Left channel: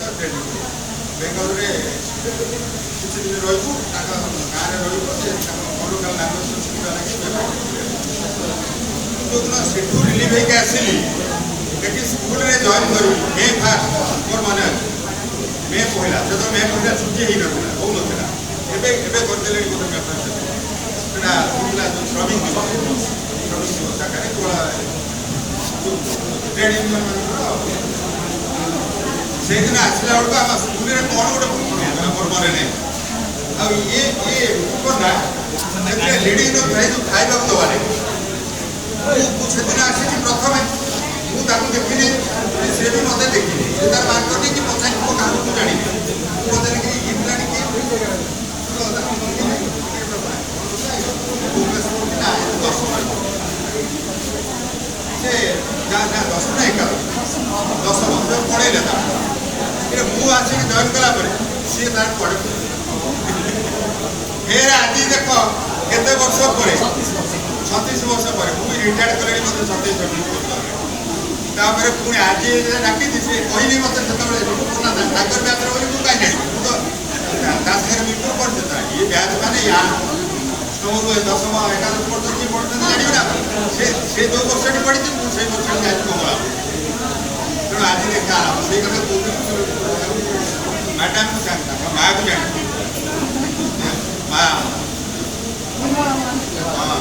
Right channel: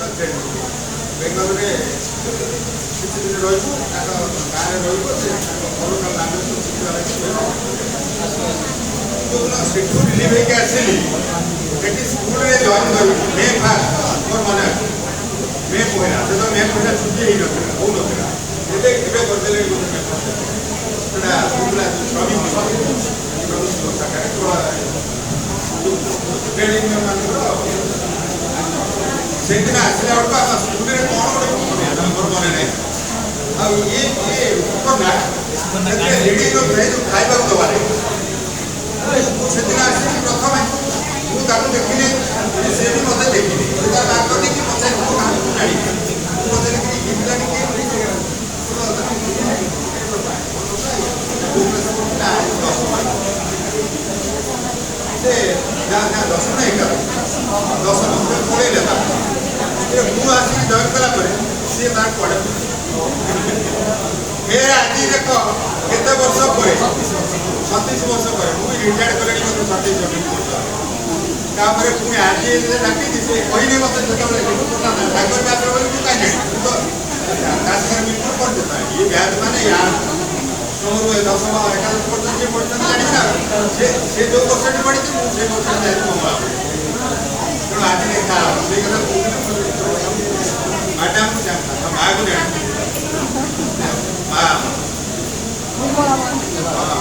training Bengal किसी दिन रही गाँव में रही लोकल लांगुएज शिखा लगे जो रिलीव होकर आसली ये स्कूल में जॉइन कर मे फास्ट मोर मन मे पहला जो मे पहला छुट्टी हो ना हो ना एवं करदे मे फास्ट श्रमिक ट्रेड यूनियन मान से दिन आसला बेलू आम स्कूल में कौन गोटे मोर मन ना ये घटना लेडीज लोग खाइबा दबाने से दिन आसी प्रथम मुझे देखिली सी भी मत देखिली तार मार्ग देखिए पचार मो कहा जानी पचार से दशम ना 11 दशम पढ़े मुझे आसिक जॉइन कलापर सी पढ़े फिर आज देख केते वर्ष पर 36 वर्ष पर मुझे रिटायर्ड कर 27 तापर पुणी आज डाकी से कहनी मत जो बैच बोली कहीं जानी मृत्यु पर देता ये बैच मैंने तुम 10 11 पढ़ते किए पढ़ते जानी से जो वर्ष पढ़ी मुझे वर्ष बैच कमा तेणु आज देखा से मैडम को जानता माँ को जानती माँ हाँ